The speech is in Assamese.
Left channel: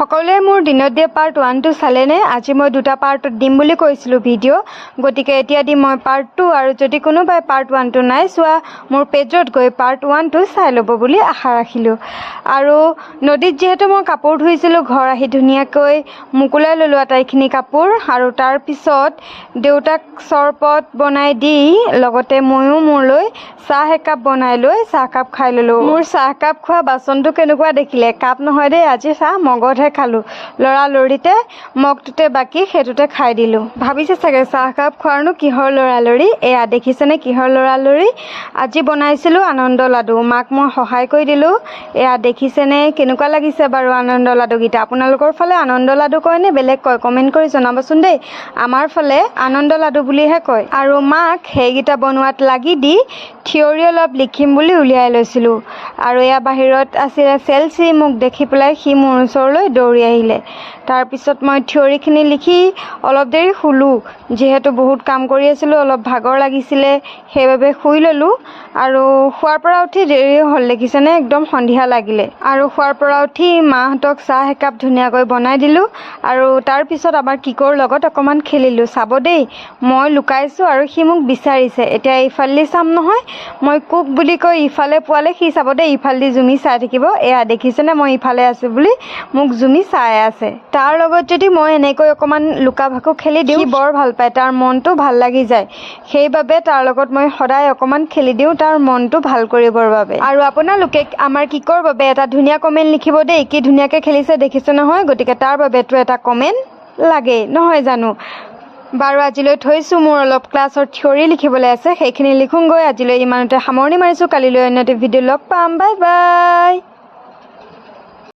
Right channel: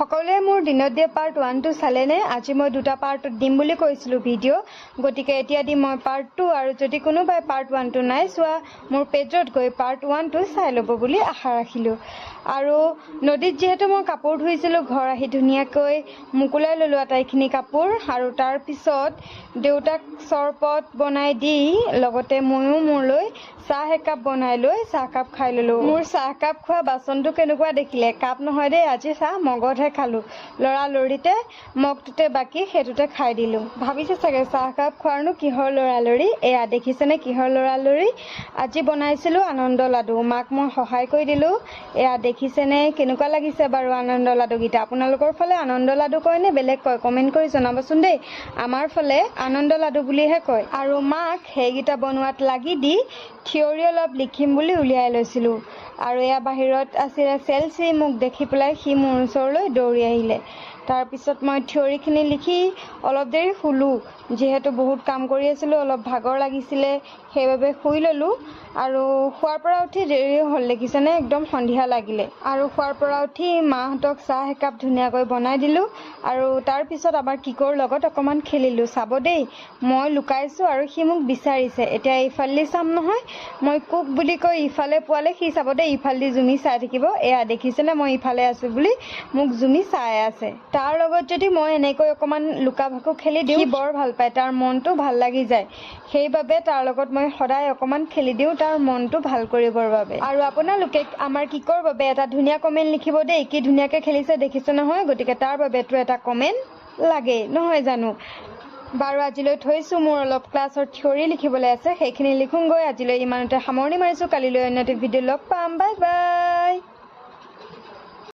সকলোৱে মোৰ দিনত দিয়া পাৰ্ট 1টো চালেনে? আজি মই দুটা পাৰ্টত দিম বুলি কৈছিলোঁ ভিডিঅ', গতিকে এতিয়া দিম মই পাৰ্ট 2। আৰু যদি কোনোবাই পাৰ্ট 1টো নাই চোৱা, মোৰ পেজত গৈ পাৰ্ট 1টো চাই ল'ব বুলি আশা ৰাখিলোঁ। আৰু নদীত যিহেতু মই কাপোৰ ধুইছিলোঁ, ঘৰ আহি ধুনীয়াকৈ মোকোলাই ল'লোঁ আটাইখিনি কাপোৰ। আৰু তাৰপিছত দেউতাক চৰবত বনাই দি লগতে ময়ো মোৰলৈ চাহ একাপ বনাই লৈ চাহকাপ খাই ল'লোঁ। মোৰ চাহকাপ খোৱা বাচনটো কেনেকুৱা দেখিলে? কাপ নহয় দেই, আজি চাহ মগতহে খালোঁ। লৰালৰিতে মগটোতে বাকী সেইটোতে খাই দিলোঁ। ভাবিছে চাগে চাহকাপ খোৱাৰনো কিহৰ লৰালৰি? এয়া দেখিছেনে কিহৰ লৰালৰি? আজি বনাইছিলোঁ আনন্দ লাডু। মাক মই সহায় কৰি দিলোঁ। এয়া দেখিছেনে কেনেকুৱা লাগিছে বাৰু আনন্দ লাডুকেইটা? আপোনালোকৰ ফালে আনন্দ লাডু কয় নে বেলেগ কয়? কমেণ্ট কৰি জনাবচোন দেই। আমাৰ ফালে আনন্দ লাডু বুলিহে কয়। আৰু মাক সেইকেইটা বনোৱাত লাগি দি থিয়ৰী অলপ লিখিম বুলি উলিয়াই লৈছিলোঁ। আৰু এয়া বাহিৰত আছিলে চেলচি, মোক দেখি পেলাই সি মোৰ ওচৰলৈ দৌৰি আহিলে। তাৰপিছত মই থিয়ৰীখিনি লিখি অলপ দেৰি শুলোঁ। যিহেতু বহুত কাম কৰি আছিলোঁ, অলপ ভাগৰ লাগিছিলে, সেইবাবে শুই ল'লোঁ। আৰু শোৱাৰ পৰা উঠি দেৰি হ'ল, দেখিছেনে একদম সন্ধিয়া লাগিলে। আৰু শোৱাৰ পৰা উঠি মাহঁতক চাহ একাপ ধুনীয়াকৈ বনাই দিলোঁ। আৰু তাৰপিছত আমাৰ কিকৰ লগত অকণমান খেলিলোঁ। চাব দেই, মই লুকাইছোঁ আৰু সি মোক বিচাৰিছে। এতিয়া ইফালেদি চাম নহয়, মই কুক বুলি কৈ ইফালে পোৱালে সি চাব দেই, ইফালেদি জুমি চাই থাকিব। এয়া দেখিছেনে মই ইফালে আছোঁ বুলি মোক জুমি চাই আছে। তাৰ লগত যদি মই এনেকৈ অকণমান লুকা ভাকু খেলি দিওঁ, সি বৰ ভাল পায়, তাৰ মনটো ভাল লাগি যায়। সেইবাবে তাৰ লগত মই সদায় অকণমান খেলি দিওঁ, তাৰ মনটো ভাল কৰিবৰ বাবে। আৰু আপোনালোকে আমাৰ কিকৰ বাবে এটা ধুনীয়া কমেণ্ট লিখিব দেই। কি ধুনীয়াকৈ খেলিছে দেখিছে নহয়? গতিকে তাৰ বাবেতো এটা কমেণ্ট লাগেই নহয় জানো? বাৰু আজিলৈ থৈছোঁ, মোৰ অলপ ক্লাছৰ থিয়ৰী লিখিবলৈ আছে, সেইখিনি লিখোঁগৈ। আজিলৈ ইমানতে সামৰণি মাৰিছোঁ। কালিলৈ অন্য এটা ভিডিঅ' লগ পাম। Bye bye.